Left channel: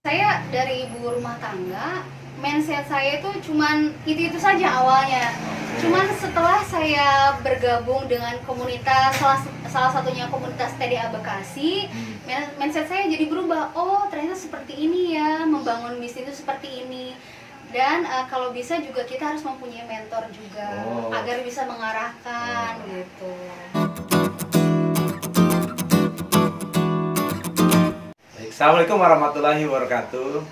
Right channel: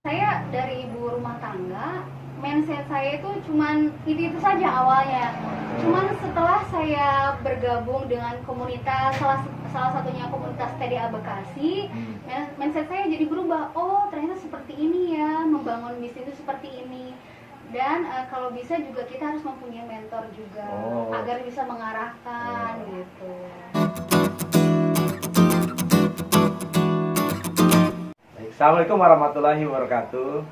Saya dari ibu rumah tangga, mindset saya itu cuman itu saja awalnya. Cuman setelah saya bergabung dengan komunitas, salah satunya komunitas TDA Bekasi, mindset saya jadi berubah. Oh, ternyata seperti ini ya, membangun bisnis itu seperti ini. Dan kalau bisa juga kita harus mempunyai mentor juga, agar bisa mengarahkan gitu. Assalamualaikum warahmatullahi wabarakatuh.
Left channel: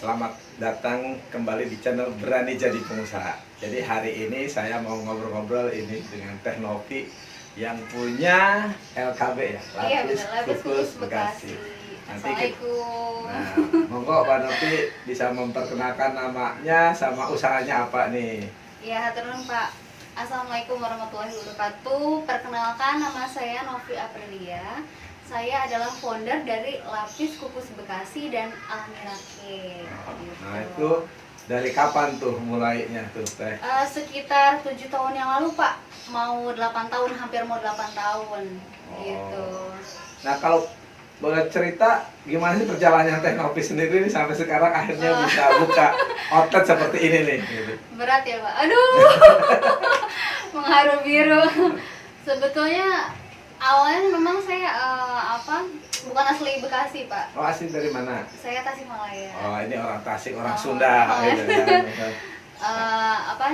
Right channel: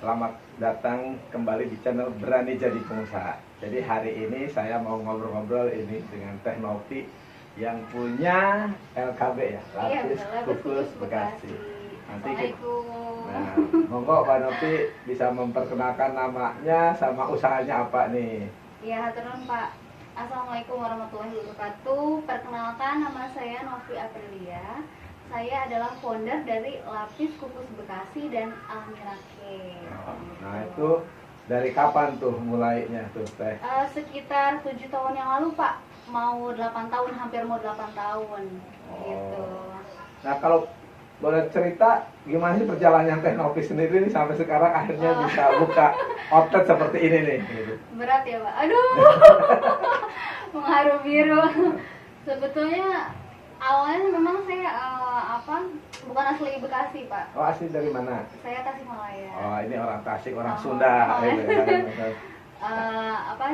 Selamat datang kembali di channel Berani Jadi Pengusaha. Jadi hari ini saya mau ngobrol-ngobrol ini dengan Teh Novi yang punya LKB ya, Lapis Kukus Bekasi. Nanti nah, monggo Pak Novi bisa memperkenalkan namanya sama usahanya apa nih? Iya, turun Pak. Assalamualaikum warahmatullahi wabarakatuh. Perkenalkan, nama saya Novi Aprilia. Saya adalah founder dari Lapis Kukus Bekasi dan Almira Cake. Nah itu dari kapan tuh mulainya tuh Teh? Sekitar 7 tahun yang lalu Pak. Mau 8 tahun, hampir mau 8 tahun gitu. Nah kalau boleh cerita gimana sih perjalanannya Teh Novi sendiri nih sampai sekarang akhirnya bisa buka outlet seperti ini nih gitu. Berat ya Pak, aduh. Mengharu biru. Sebetulnya awalnya memang saya bukan asli Bekasi Pak. Oh asli dari mana? Saya Tasikmalaya. Oh ini orang Tasik, orang Sunda gitu ya.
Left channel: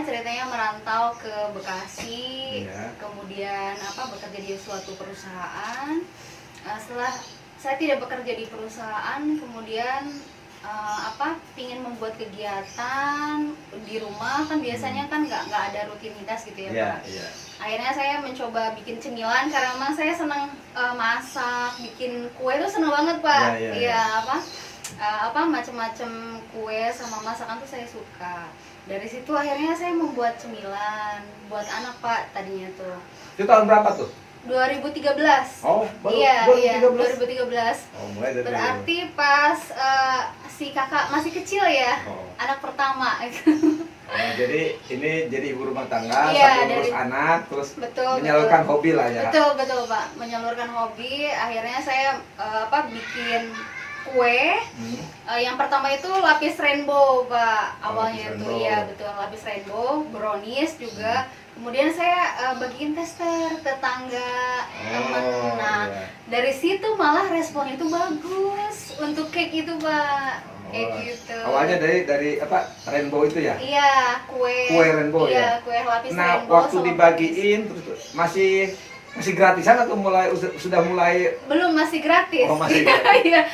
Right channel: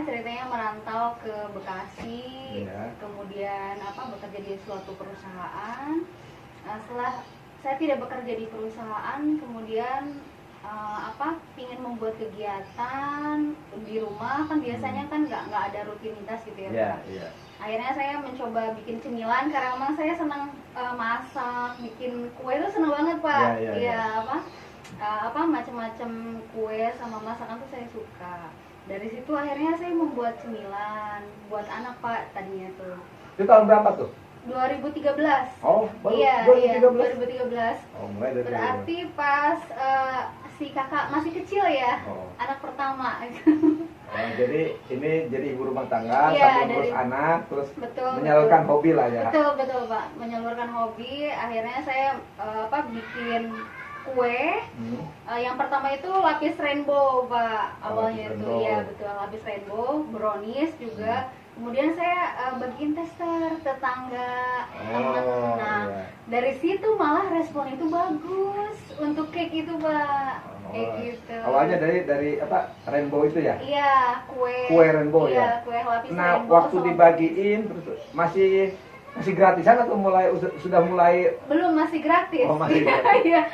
Ceritanya merantau ke Bekasi, Iya. kemudian bekerja di suatu perusahaan. Setelah saya tidak bekerja di perusahaan, kemudian pingin membuat kegiatan di rumah, kan biasanya kan nggak ada rutinitas gitu ya Pak. Iya. Akhirnya saya mencoba bikin cemilan karena memang saya senang masak, bikin kue itu seneng banget Pak. Iya. Macam-macam kue sama masakan tuh saya suka. Dari situ akhirnya saya membuat cemilan buat anak Pak tadinya tuh. Itu tahun berapa tuh? 2013. Oh, baru Iya, 2013. Oh, mulai dari Berarti pas si kakak masih kecil ya, anak pertama. Oh, jadi ini jadi ibu rumah tangga, Iya, sambil ngurus anak, terus betul, menyalurkan hobi lah ya. Betul Pak, menyalurkan hobi. Akhirnya saya bikin kue. Yang pertama itu lapis rainbow Pak, awalnya itu ya betul, lapis rainbow, brownies juga. Kemudian saya bagiin tester tetangga, teman. Nah, dari situ malah respon itu bagus untuk cake itu Pak. Kayak gitu. Awalnya dari rainbow itu ya? Iya, kue rainbow ya. Kue lapis nah, rainbow. Waktu dibagiin terus masih gratisan atau sudah mulai? Belum, masih gratis. Oh, masih gratis.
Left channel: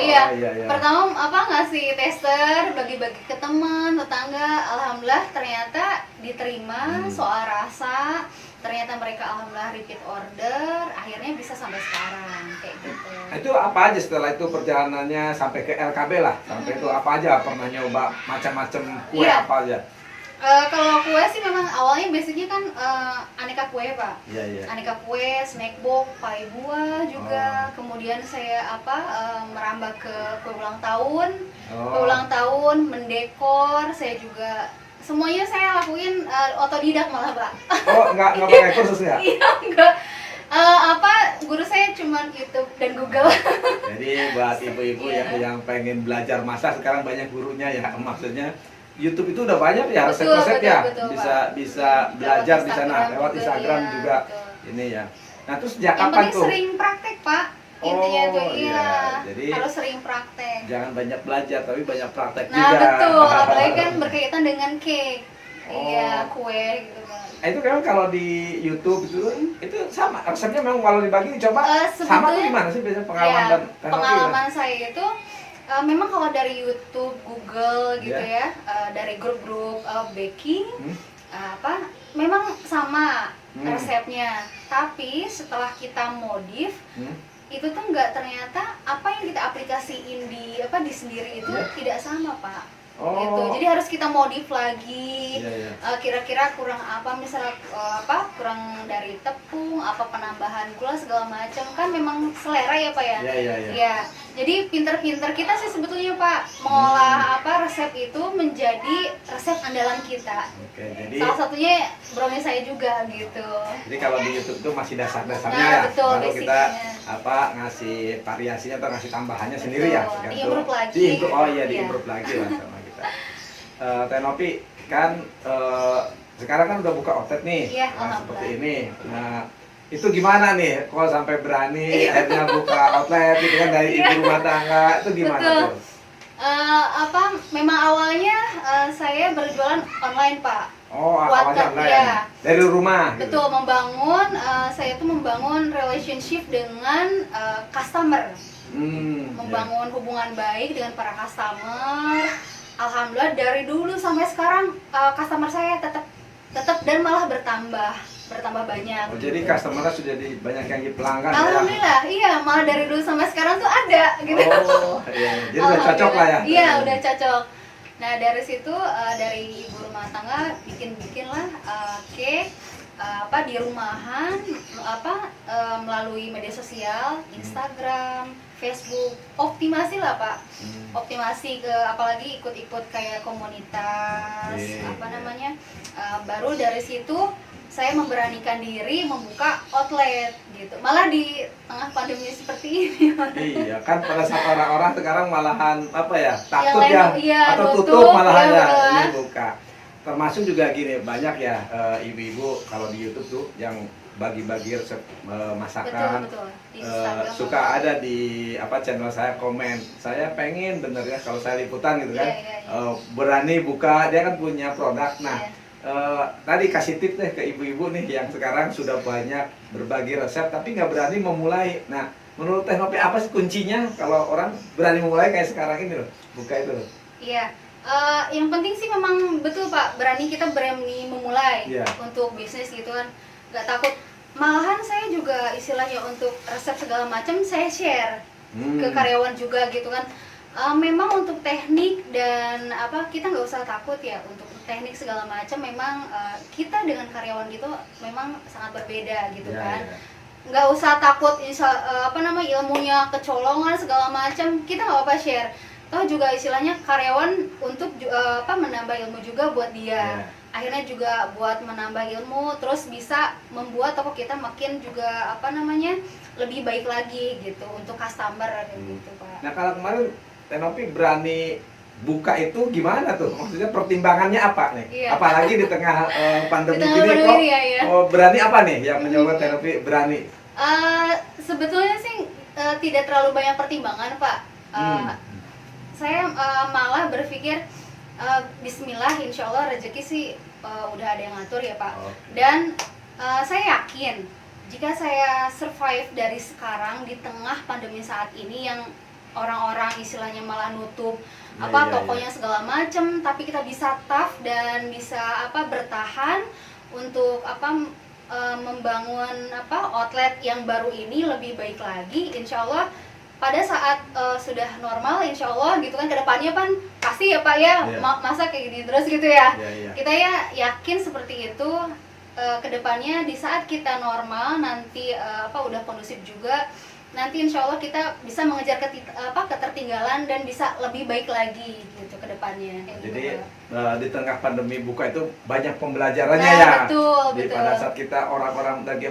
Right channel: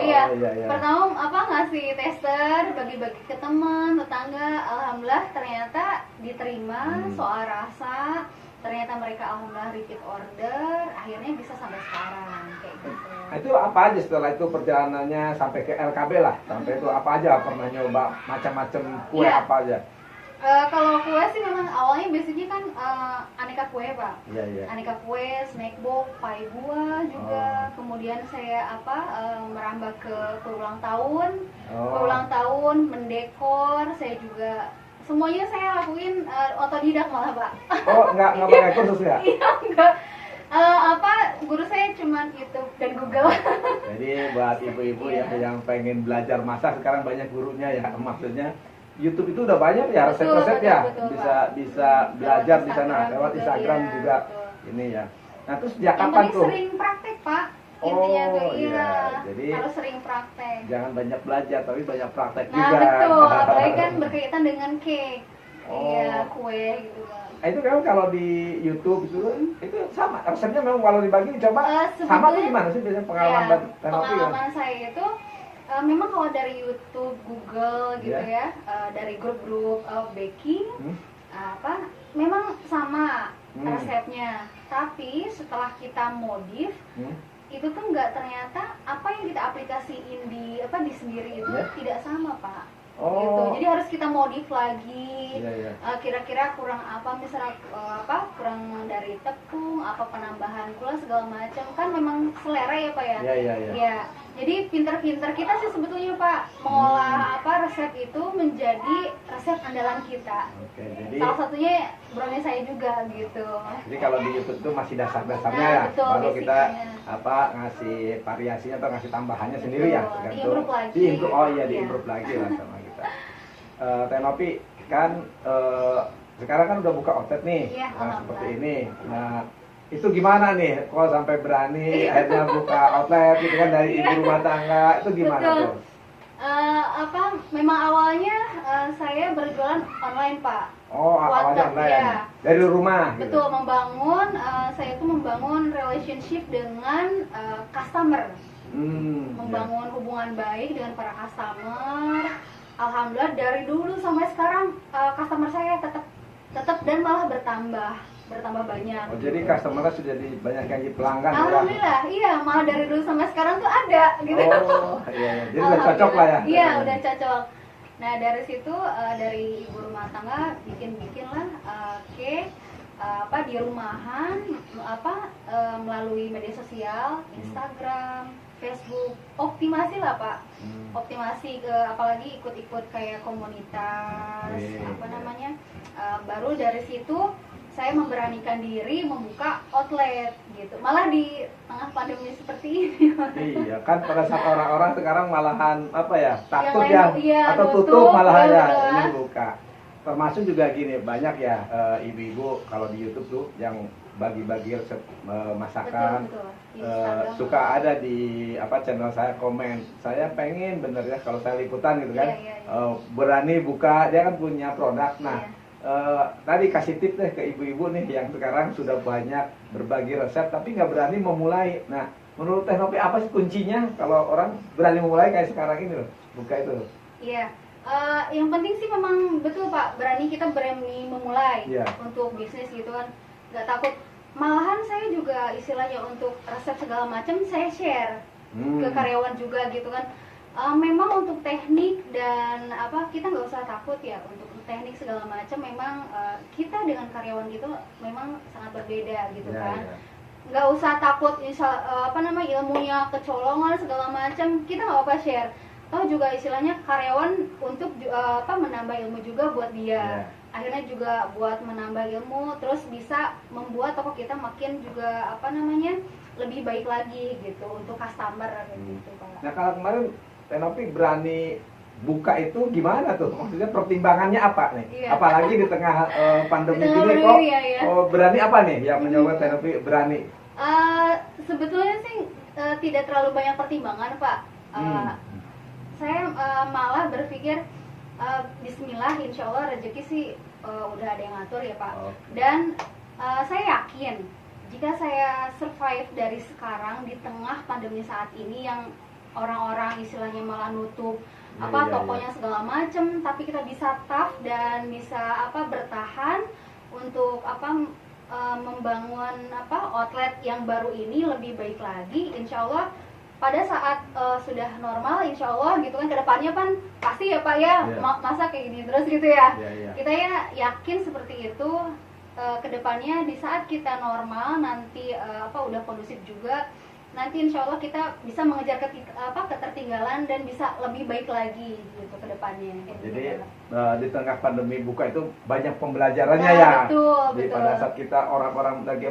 Iya. Pertama ngasih tester, bagi-bagi ke teman, tetangga. Alhamdulillah ternyata diterima soal rasa. Ternyata mereka alhamdulillah repeat order, akhirnya bisa sampai sekarang kayak gitu. Nah, itu apa aja setelah itu perjalanannya sampai ke LKB lah? Sampai itu apa aja pernah nyoba macam-macam kue apa aja? Kalau kue sih memang awalnya basicnya kan aneka kue Pak. Iya. Aneka kue, snack box, pai buah juga. Kemudian saya merambah ke kue ulang tahun. Kue ulang tahun, mendekor, saya juga semuanya saya lakuin otodidak malah Pak. Oh, nggak pakai kursus ya? Iya, enggak. Guru saya cuma YouTube dan Google. Jadi buat ibu-ibu yang pengen belajar masak sekarang banyak gurunya ya, maksudnya YouTube itu udah banyak ya resep-resep ya, bisa belajar di sana lewat Instagram juga ini ya. Nah terus sejak kapan tuh? Sering praktek Pak, intinya tuh jadi harus sering praktek. Jangan banyak belajar tapi banyak praktek juga. Nah betul, apalagi kan berkaitan dengan cake, kue gitu kan. Itu kan kalau di YouTube itu sama resepnya memang kalau dibagi coba sama tuh gimana sih biasanya pengalaman saya itu memang kalau dari YouTube, Google gitu ya, dari grup-grup baking, memang sama resepnya. Tapi setelah kita modif, itu tuh ternyata apa yang kita aplikasiin di sendiri itu tidak sama Pak. Gitu. Jadi harus kita modif lagi. Kira-kira kurang apa, misalnya kurang dari tepung, penambahan gula segala macam, kan memang selera ya Pak ya. Iya. Jadi pinter-pinter kita sih sebetulnya Pak mengolah resep itu menjadi resep andalan kita. Oke, jadi Salah satunya brownie saya juga gitu. jadi kalau di YouTube tuh masih dasar-dasarnya Nah, ya. betul, Baru kita basicnya. ngasih variasinya atau ngasih tambahannya Betul, sendiri ya. di-improve lagi. Oh iya, Iya. di-improve lagi lah sama kita. Teh Novi kan sekarang kan udah buka outlet nih. Iya, Nah, seperti alhamdulillah. ini. Nah, itu gimana nih kok sampai berani akhirnya buka outlet gitu kan dari ibu rumah tangga, itu gimana Betul. tuh? Memang awalnya saya berjualan online Pak. Oh, awalnya Wattpad, online. ya. Dari rumah gitu. Betul, saya tuh membangun relationship dengan customer, membangun hubungan baik dengan para customer. Alhamdulillah dari dulu sampai sekarang customer saya tetap dan malah bertambah banyak. Oh, jadi gitu. customer sudah banyak yang di pelanggan ya? Alhamdulillah, iya, malah dari dulu sampai sekarang tuh ada gitu. Oh, iya. Jadi udah cocok lah ya? Iya, udah cocok. Nah, dari situ dari ibu rumah tangga bikin lah cake di rumahan melalui media sosial, Instagram, Facebook, optimasi lah Pak. Optimasi apalagi ikut-ikut kayak komunitas, baru dari situ saya memberanikan diri membuka outlet gitu. Malah di tengah pandemi seperti ini. Iya, kan pada saat orang-orang sekarang malahan takut Yang ya, atau tutup, tutup malahan iya, ya, betul. ini buka. Termasuk juga gini, banyak ya ibu-ibu kalau di YouTube tuh yang bagi-bagi resep masakan. Betul. Di Instagram Suka ada di channel saya komen, saya pengen bener ya kalau saya liputan gitu kan, Iya. berani buka, dia kan punya produk. Nah, Iya. tadi kasih tips deh ke ibu-ibu nih yang sekarang sudah banyak berbagi resep tapi nggak berani memulai. Nah, menurut Teh Novi apa sih kuncinya kalau orang berani memulai kayak sekarang ini loh, buka itu loh? Iya, yang penting sih memang betul Pak, kita berani memulai untuk bisnis gitu kan, nggak takut. Malahan saya juga istilahnya untuk resep segala macam saya share ke karyawan juga gitu kan. Memang untuk teknik dan kita nggak usah takut ya untuk teknik segala macam. Memang kita dengan karyawan gitu memang sangat berbeda gitu kan. Nggak usah takut ilmunya kecolongan segala macam, kita nggak apa-apa share. Toh juga istilahnya karyawan untuk menambah ilmu juga buat dia. Akhirnya juga buat menambah ilmu, terus bisa membuat toko kita makin juga lebih baik lagi gitu untuk customer gitu Pak. Nah, kalau kemarin Teh Novi berani buka itu gimana tuh? Maksudnya pertimbangannya apa nih? Iya. Apalagi di tengah pandemi Di tengah ini pandemi, kok iya. berani apa nih yang menyebabkan Teh Novi berani? Sebetulnya sih tidak terlalu banyak pertimbangan Pak. Saya malah berpikir Bismillah, insya Allah rezeki sih udah ada yang ngatur ya Pak. Dan saya yakin jika saya survive dari sekarang di tengah pandemi saat ini yang orang-orang istilahnya malah nutup tokonya segala macem, tapi kita bisa tough dan bisa bertahan untuk membangun outlet yang baru ini lebih baik lagi, insya Allah pada saat sudah normal, insya Allah gitu kan kedepannya kan pasti ya Pak ya, masa kayak gini terus gitu ya. Kita ya yakin seperti itu. Kedepannya di saat kita normal nanti udah kondusif juga, nanti insya Allah kita bisa mengejar ketertinggalan dan bisa lebih baik lagi gitu ke depannya. Jadi di tengah pandemi buka itu banyak pembelajarannya ya. Betul. Pada saat kita orang-orang lagi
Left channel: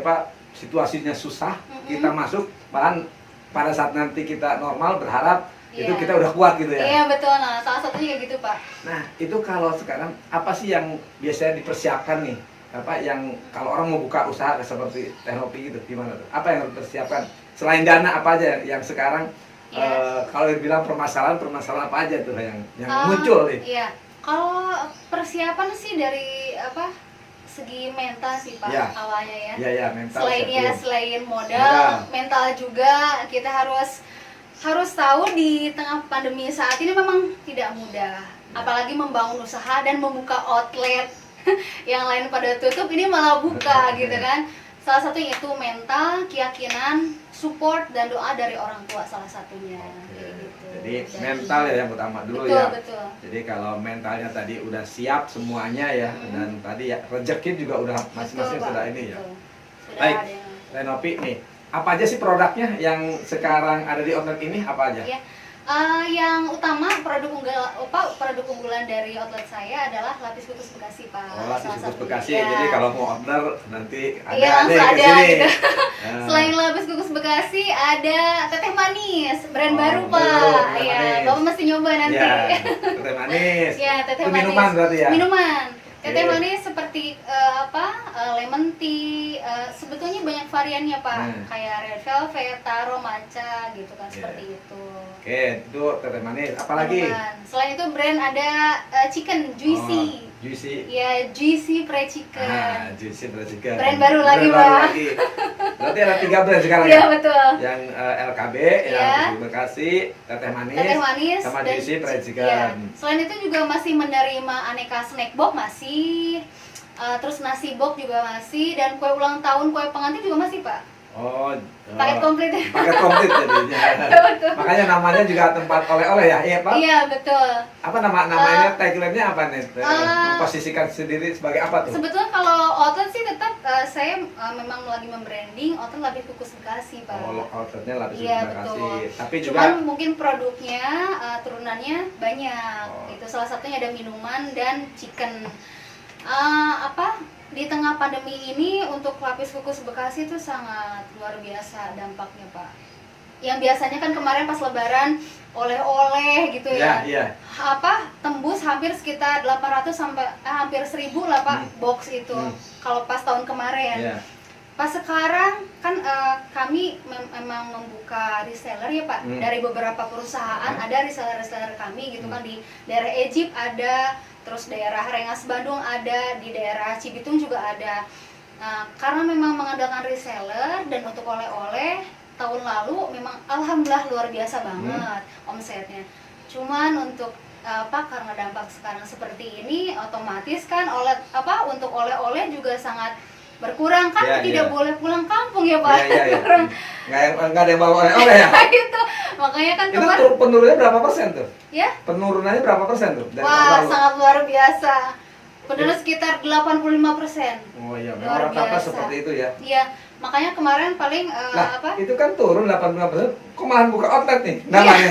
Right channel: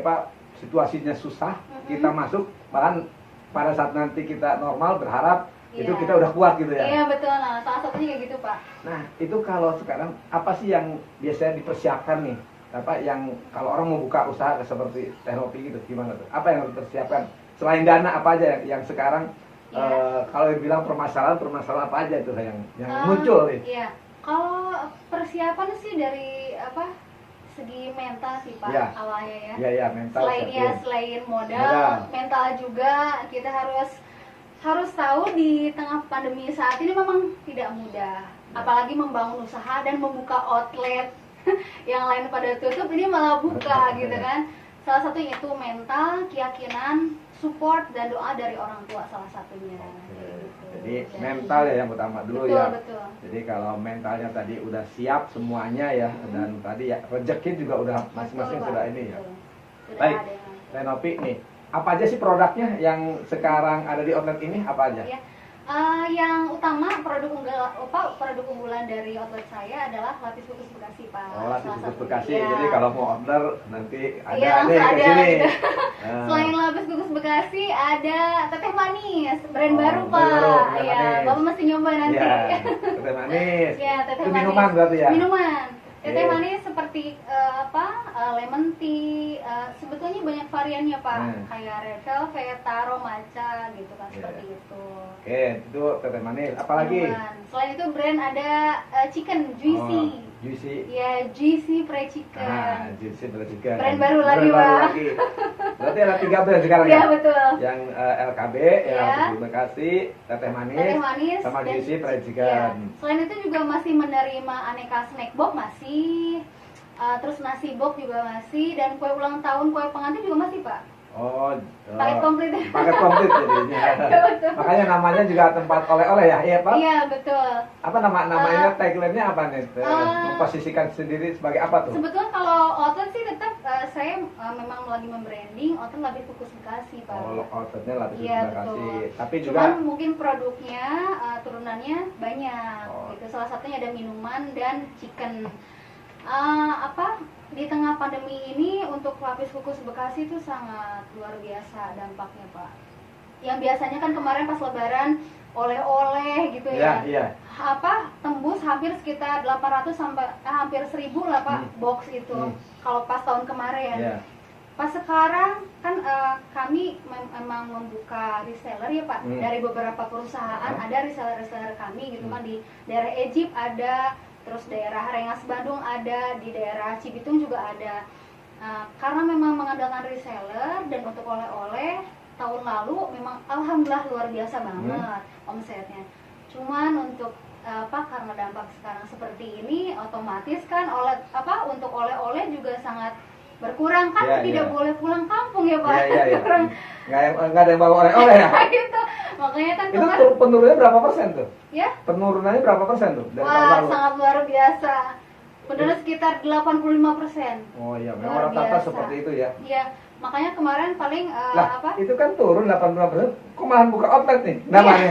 situasinya susah, kita masuk, bahkan pada saat nanti kita normal berharap itu kita udah kuat gitu ya. Iya betul, nah salah satunya kayak gitu Pak. Nah itu kalau sekarang apa sih yang biasanya dipersiapkan nih? Yang kalau orang mau buka usaha seperti Teh Novi gitu, gimana tuh? Apa yang harus dipersiapkan? Selain dana apa aja yang sekarang kalau dibilang permasalahan apa aja tuh yang muncul nih? Iya, kalau persiapan sih dari segi mental sih Pak awalnya ya. Iya mental. Selain modal, mental juga kita harus tahu di tengah pandemi saat ini memang tidak mudah. Apalagi membangun usaha dan membuka outlet yang lain pada tutup, ini malah buka gitu kan. Salah satunya itu mental, keyakinan, support dan doa dari orang tua salah satunya. Gitu. Jadi mental ya yang utama dulu betul, ya. Betul. Jadi kalau mentalnya tadi udah siap semuanya ya, dan tadi ya rezeki juga udah masing-masing sudah ini ya. Sudah baik, ada yang... Teh Novi nih, Apa aja sih produknya yang sekarang ada di outlet ini? Apa aja? Ya. Yang utama produk unggulan dari outlet saya adalah lapis kukus Bekasi, Pak. Oh, lapis Salah kukus satunya. Bekasi. Iya. Jadi kalau mau order nanti ada Iya, langsung nih ke ada sini. gitu. Nah. Selain lapis kukus Bekasi ada teteh manis, brand Oh, baru, baru, Pak. teteh Iya, manis. Bapak mesti nyoba nanti. Iya, teteh manis. Iya, teteh Itu manis. minuman berarti ya? Minuman. Teteh Oke. manis seperti lemon tea, sebetulnya banyak variannya, Pak. Kayak red velvet, taro, matcha gitu kan, seperti itu. Oke, itu teteh manis. Apalagi? Minuman. Selain itu brand ada chicken juicy. Oh, juicy. Ya, juicy fried chicken. Ah, juicy fried chicken. Brand baru lagi, Brand baru Pak. lagi. Berarti ada 3 brand sekarang Iya, ya? betul. Yang LKB, Iya. yang Bekasi, teteh Teteh manis sama dan juicy fried chicken. iya. Selain itu juga masih menerima aneka snack box masih, terus nasi box juga masih, dan kue ulang tahun, kue pengantin juga masih, Pak. Oh, Paket komplit. paket komplit jadinya. Betul. Makanya namanya juga tempat oleh-oleh ya, iya Pak? Iya, betul. Apa namanya tagline-nya apa nih? Memposisikan sendiri sebagai apa tuh? Sebetulnya kalau outlet sih tetap saya memang lagi membranding outlet lapis kukus Bekasi, Pak. Oh, outletnya lapis Iya, Bekasi. betul. Tapi juga Cuman mungkin produknya turunannya banyak. Oh. Itu salah satunya ada minuman dan chicken. Di tengah pandemi ini untuk lapis kukus Bekasi itu sangat luar biasa dampaknya, Pak. Yang biasanya kan kemarin pas Lebaran oleh-oleh gitu ya. Iya. Tembus hampir sekitar 800 sampai hampir 1000 lah, Pak, box itu. Kalau pas tahun kemarin. Iya. Pas sekarang kan kami memang membuka reseller ya, Pak. Dari beberapa perusahaan ada reseller-reseller kami gitu kan, di daerah Egypt ada, terus daerah Rengas Bandung ada, di daerah Cibitung juga ada. Karena memang mengandalkan reseller dan untuk oleh-oleh tahun lalu memang alhamdulillah luar biasa banget omsetnya. Cuman untuk karena dampak sekarang seperti ini otomatis kan untuk oleh-oleh juga sangat berkurang kan, tidak boleh pulang kampung ya, Pak. Iya. Nggak ada yang bawa oleh-oleh ya? Gitu. Makanya kan Itu penurunannya berapa persen tuh? Ya. Penurunannya berapa persen tuh? Dari tahun Wah, lalu? sangat luar biasa. Penurunan sekitar 85%. Oh iya, Luar memang rata-rata biasa. seperti itu ya. Iya, makanya kemarin paling Itu kan turun 85%, kok malah buka outlet nih? Namanya.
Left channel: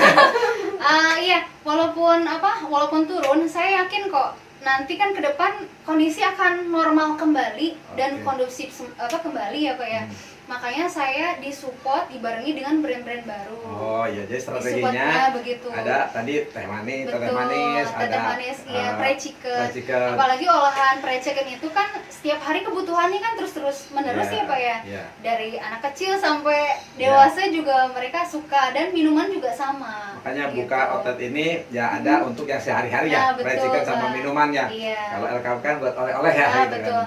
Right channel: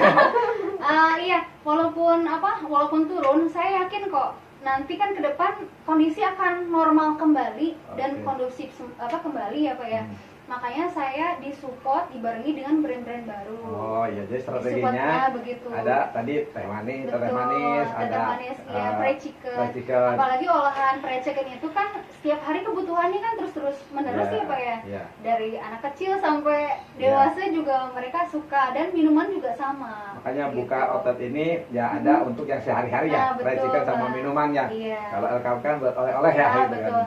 Iya, walaupun turun, saya yakin kok nanti kan ke depan kondisi akan normal kembali dan kondusif kembali ya, Pak ya. Makanya saya disupport dibarengi dengan brand-brand baru. Oh iya, jadi strateginya Disupportnya begitu. ada tadi teh manis, Betul, teteh manis, iya, fried chicken. Apalagi olahan fried chicken itu kan setiap hari kebutuhannya kan terus menerus ya, Pak ya. Dari anak kecil sampai dewasa juga mereka suka, dan minuman juga sama. Makanya gitu. buka outlet ini ya ada untuk yang sehari-hari ya, fried chicken sama minumannya. Iya. Kalau LKB kan buat oleh-oleh ya. Gitu Betul. kan.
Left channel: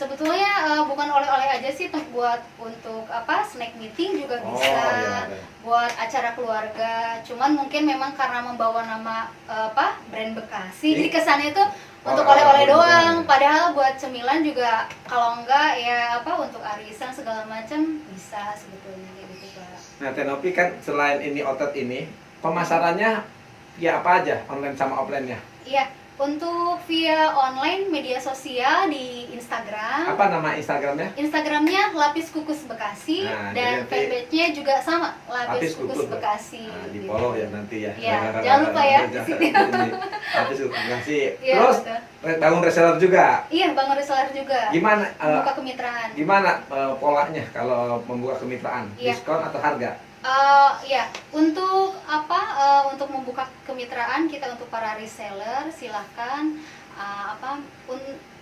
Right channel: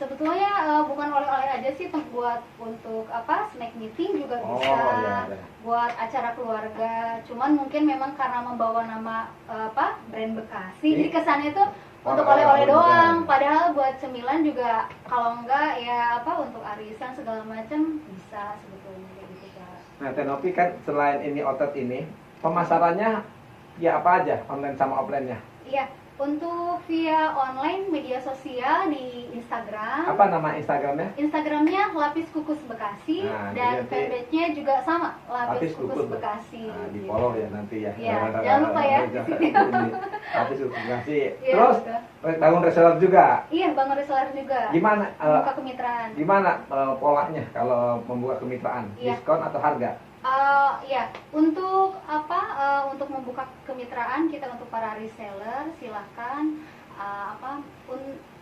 Sebetulnya bukan oleh-oleh aja sih, buat untuk snack meeting juga bisa, buat acara keluarga. Cuman mungkin memang karena membawa nama brand Bekasi, jadi kesannya itu untuk oleh-oleh doang. Padahal buat cemilan juga, kalau enggak ya untuk arisan segala macam bisa sebetulnya kayak gitu, Pak. Nah, Tenopi kan selain ini outlet ini, pemasarannya ya apa aja, online sama offline-nya? Iya. Untuk via online media sosial di Instagram. Apa nama Instagramnya? Instagramnya Lapis Kukus Bekasi, dan fanpage-nya juga sama, Lapis Kukus Bekasi. Nah, di follow ya nanti ya. Iya, jangan lupa ya di sini. Lapis Kukus Bekasi. Ya, terus bangun reseller juga. Iya, bangun reseller juga. Gimana? Membuka kemitraan. Gimana polanya kalau membuka kemitraan? Diskon atau harga? Ya, untuk untuk membuka kemitraan kita untuk para reseller silahkan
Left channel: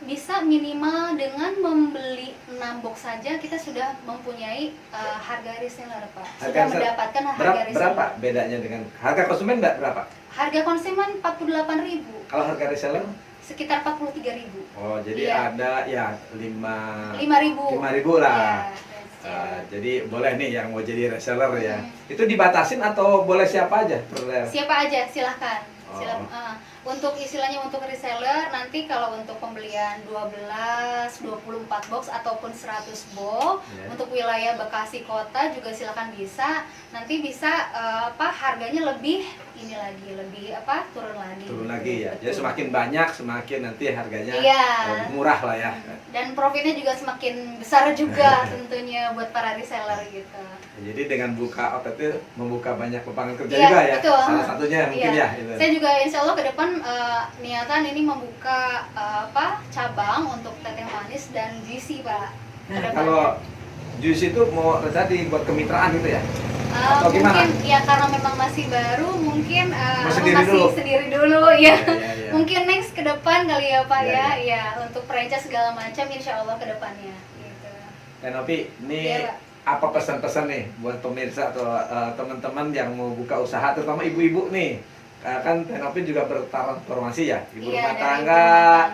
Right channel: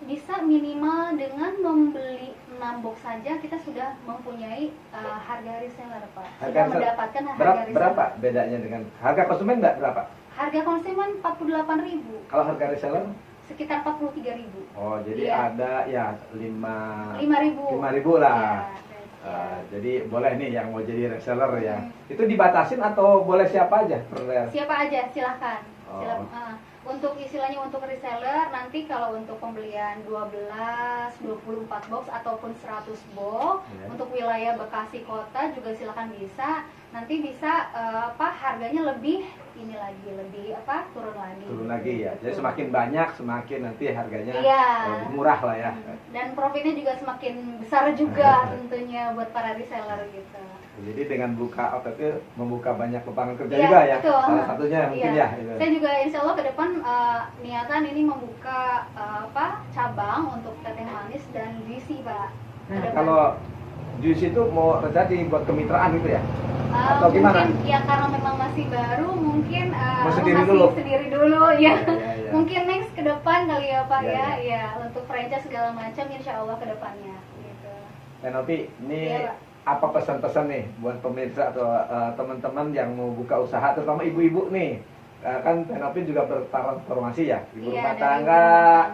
bisa minimal dengan membeli 6 box saja kita sudah mempunyai harga reseller, Pak. Sudah mendapatkan harga reseller. Berapa bedanya dengan harga konsumen? Berapa? Harga konsumen 48.000. Kalau harga reseller? Sekitar 43.000. Oh, jadi ada ya 5.000 lah. Jadi boleh nih yang mau jadi reseller ya. Itu dibatasin atau boleh siapa aja? Siapa aja, silahkan. untuk istilahnya untuk reseller nanti kalau untuk pembelian 12, 24 box ataupun 100 box untuk wilayah Bekasi kota juga silakan bisa. Nanti bisa harganya lebih ini lagi lebih turun lagi. Turun lagi ya. Jadi semakin banyak semakin nanti harganya lebih murah lah ya. Dan profitnya juga semakin besar juga tentunya buat para reseller gitu. Jadi dengan buka outlet itu membuka banyak lapangan kerja juga ya. Betul. Salah satunya mungkin ya. Itu. Saya juga insya Allah ke depan niatan ini membuka cabang untuk teteh manis dan juicy Pak. Kalau juicy itu mau terjadi buat kemitraan gitu ya? Atau gimana? Mungkin ya karena memang masih baru mungkin sendiri dulu ya. Mungkin next ke depan kali ya Pak ya untuk franchise segala macam insya Allah ke depannya gitu. Dan Novi ini apa pesan-pesan nih buat pemirsa atau teman-teman yang mau buka usaha terutama ibu-ibu nih? Kan Novi juga bertransformasi ya, ibu rumah tangga.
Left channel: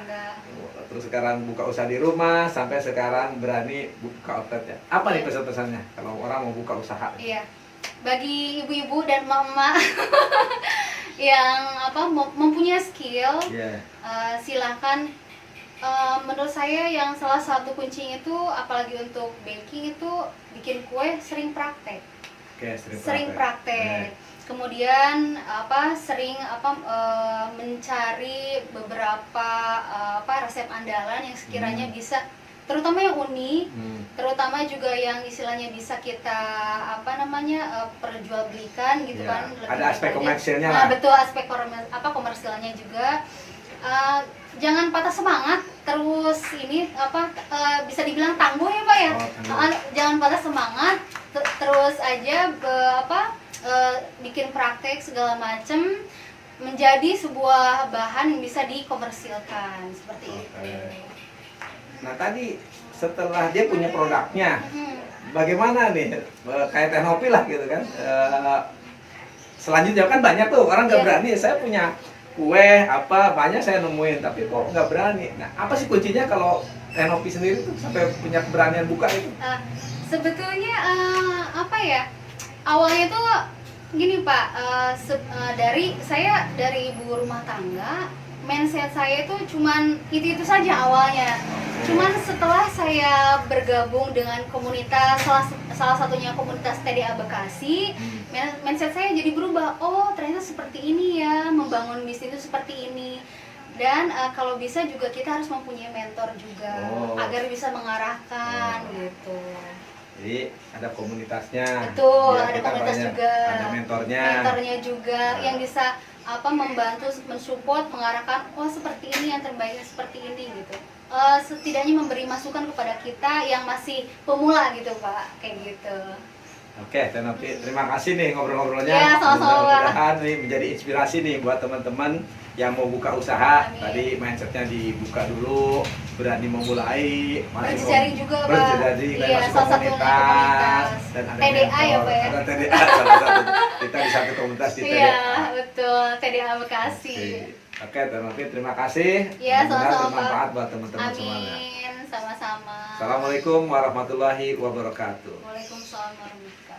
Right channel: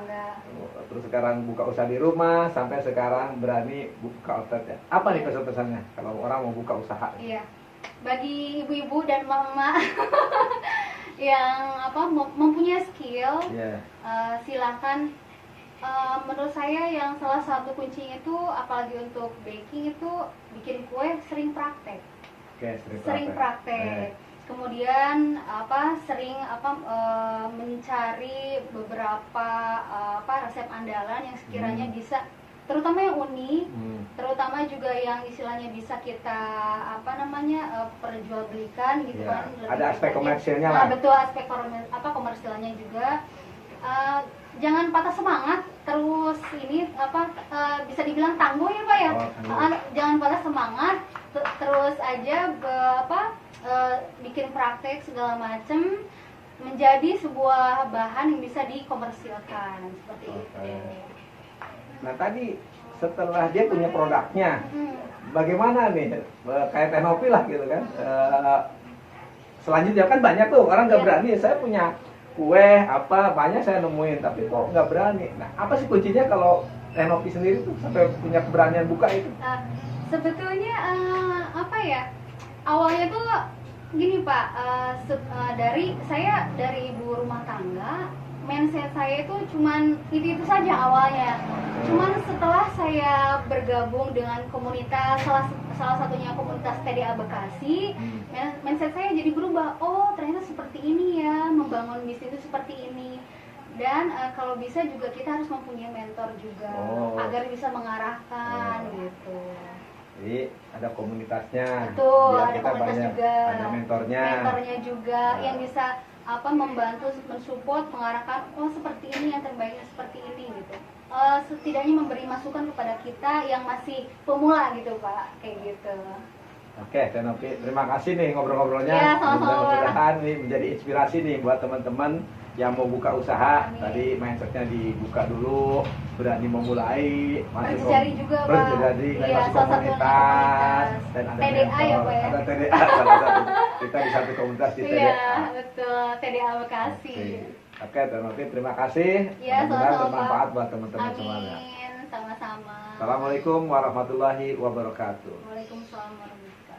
Terus sekarang buka usaha di rumah sampai sekarang berani buka outlet ya. Apa nih pesan-pesannya kalau orang mau buka usaha? Iya. Bagi ibu-ibu dan mama yang mempunyai skill, silahkan. Menurut saya yang salah satu kuncinya itu apalagi untuk baking itu bikin kue sering praktek. Sering praktek. Kemudian sering mencari beberapa resep andalan yang sekiranya bisa, terutama yang unik, terutama juga yang istilahnya bisa kita perjualbelikan gitu kan. Ada aspek komersilnya. Nah, betul, aspek komersilnya juga. Jangan patah semangat, terus ini bisa dibilang tangguh ya Pak ya. Jangan patah semangat, terus aja bikin praktek segala macem menjadi sebuah bahan yang bisa dikomersilkan seperti itu. Nah tadi setelah dia punya produknya, bagaimana nih kayak Teh Novi lah gitu kan? Selanjutnya kan banyak tuh orang nggak berani. Saya punya kue banyak saya nemuin tapi kok nggak berani. Nah apa sih kuncinya kalau Teh Novi sendiri tuh sampai punya keberanian buka itu? Sebetulnya awalnya tuh gini Pak, dari ibu rumah tangga, mindset saya itu cuman itu saja awalnya. Cuman setelah saya bergabung dengan komunitas, salah satunya komunitas TDA Bekasi, mindset saya jadi berubah. Oh ternyata seperti ini ya, membangun bisnis itu seperti ini. Dan kalau bisa juga kita harus mempunyai mentor juga agar bisa mengarahkan gitu. Jadi ada komunitasnya. Betul, ada komunitas juga. Ada mentornya. Mentornya juga yang bisa membantu, mensupport, mengarahkan. Oh seperti ini yang terbaiknya seperti ini gitu. Setidaknya memberi masukan kepada kita yang masih pemula gitu Pak, kayak gitu. Oke, Teh Novi, terima kasih nih ngobrol-ngobrolnya. Ya, sama-sama. Mudah-mudahan nih menjadi inspirasi nih buat teman-teman yang mau buka usaha. Amin. Tadi mindsetnya dibuka dulu, berani memulai, berjejaring juga Pak. Berjejaring, masuk komunitas, dan ada TDA ya Pak ya. Ada TDA salah satu. Kita di satu komunitas di TDA. Iya, betul, TDA Bekasi. Oke, Teh Novi, terima kasih. Ya, sama-sama. Bermanfaat buat teman-teman semuanya. Amin, sama-sama. Assalamualaikum warahmatullahi wabarakatuh. Waalaikumsalam warahmatullahi wabarakatuh.